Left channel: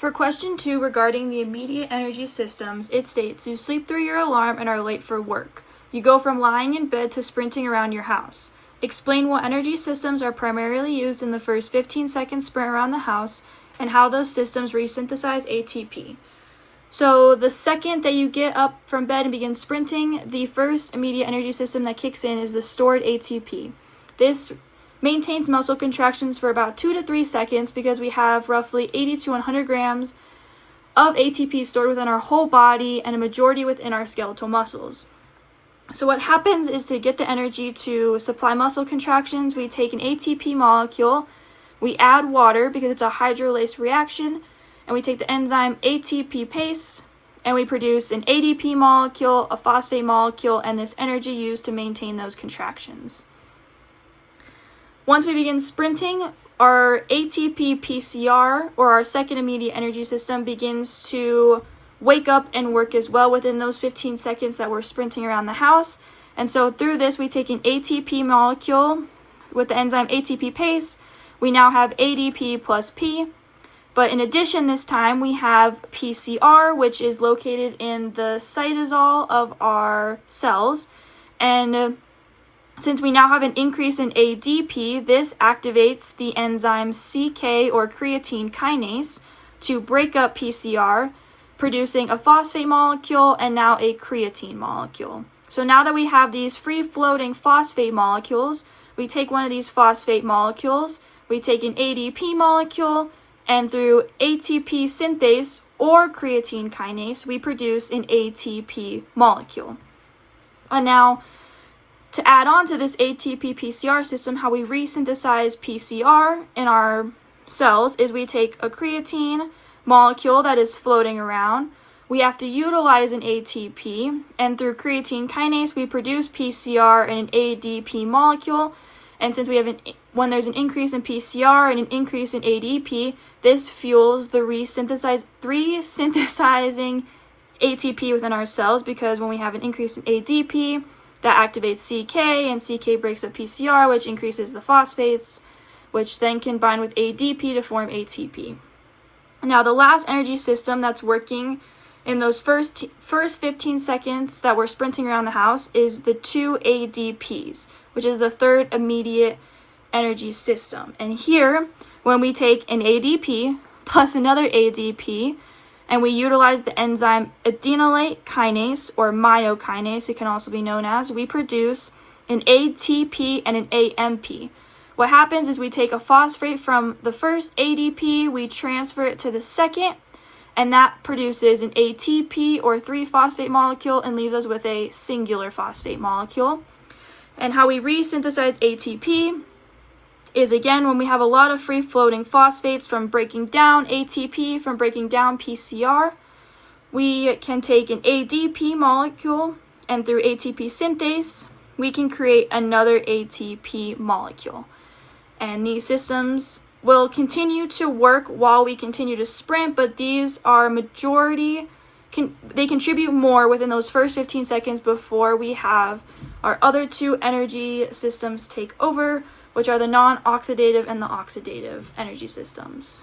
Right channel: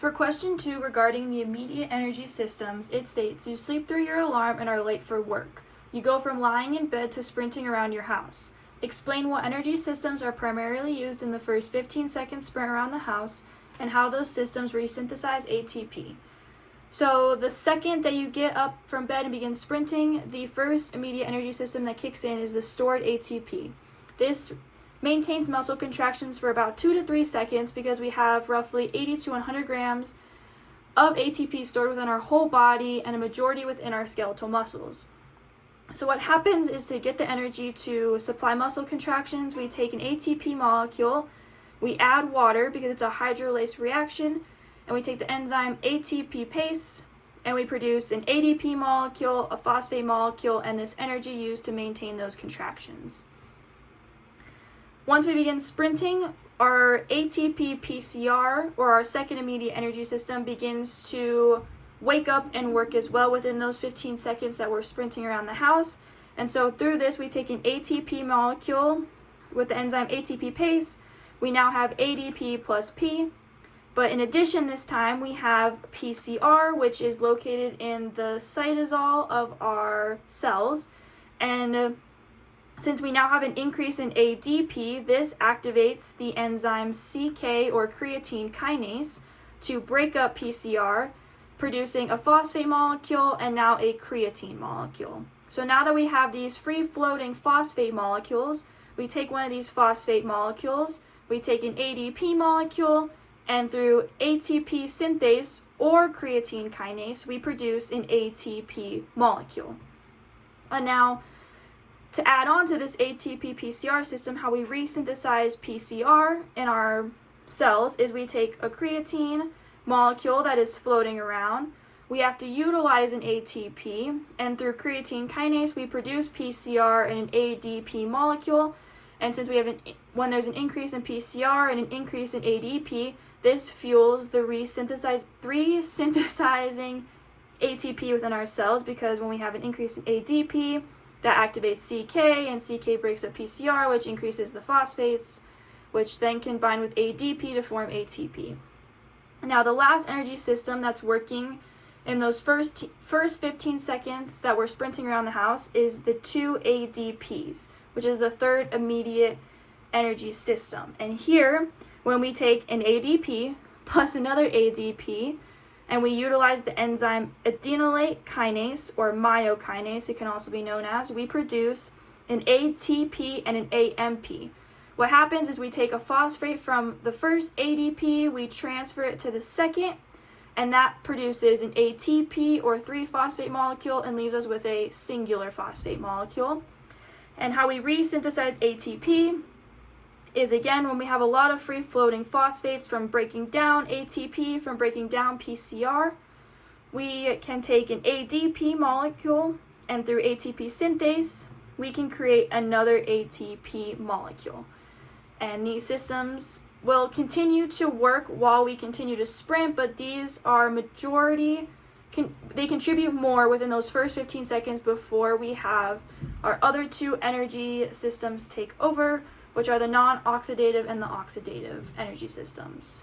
For question 2 regarding the immediate energy systems, it states, you sleep through your alarm and are late for work. You go from lying in bed to sprinting around your house. Explain what energy systems are primarily used in the first 15-second sprint around the house and how those systems resynthesize ATP. So the second that you get up from bed and begin sprinting, the first immediate energy system that kicks in is the stored ATP. This maintains muscle contractions for about 2 to 3 seconds because we have roughly 80 to 100 grams of ATP stored within our whole body and a majority within our skeletal muscles. So what happens is, to get the energy to supply muscle contractions, we take an ATP molecule, we add water because it's a hydrolase reaction, and we take the enzyme ATPase, and we produce an ADP molecule, a phosphate molecule, and this energy used to maintain those contractions. Once we begin sprinting, our ATP PCR, or our second immediate energy system, begins to wake up and work as well within those 15 seconds that we're sprinting around the house. And so through this, we take an ATP molecule with the enzyme ATPase. We now have ADP plus P. But in addition, this time we have PCR, which is located in the cytosol of our cells. And since we now have an increase in ADP, this activates the enzyme CK, or creatine kinase, to break up PCR, producing a phosphate molecule and now a creatine molecule. So now that we have these free-floating phosphate molecules, we take one of these phosphate molecules, we take an ADP molecule, and through ATP synthase or creatine kinase, we produce an ATP molecule. And now, to add on to this ATP PCR system, how we resynthesize PCR in our cells is we take a creatine molecule that is floating around. We have to utilize an ATP, and through creatine kinase, we produce PCR and an ADP molecule. And since we have when there's an increase in PCR and an increase in ADP, this fuels the resynthesizing ATP within our cells, because when we have an increase in ADP, that activates CK, and CK breaks up PCR, which increases the phosphates, which then can bind with ADP to form ATP. Now, the last energy system that's working in those first 15 seconds that we're sprinting around the house is the 2 ADPs, which is the third immediate energy system. And here, when we take an ADP plus another ADP, and we utilize the enzyme adenylate kinase, or myokinase, it can also be known as, we produce an ATP and an AMP. What happens is we take a phosphate from the first ADP, we transfer it to the second, and that produces an ATP, or 3-phosphate molecule, and leaves us with a singular phosphate molecule. And how we resynthesize ATP is, again, when we have a lot of free-floating phosphates from breaking down ATP, from breaking down PCR, we can take an ADP molecule, and through ATP synthase, we can create another ATP molecule. And these systems will continue to work while we continue to sprint, but these are they contribute more within those first 15 seconds before we have our other 2 energy systems take over, which are the non-oxidative and the oxidative energy systems.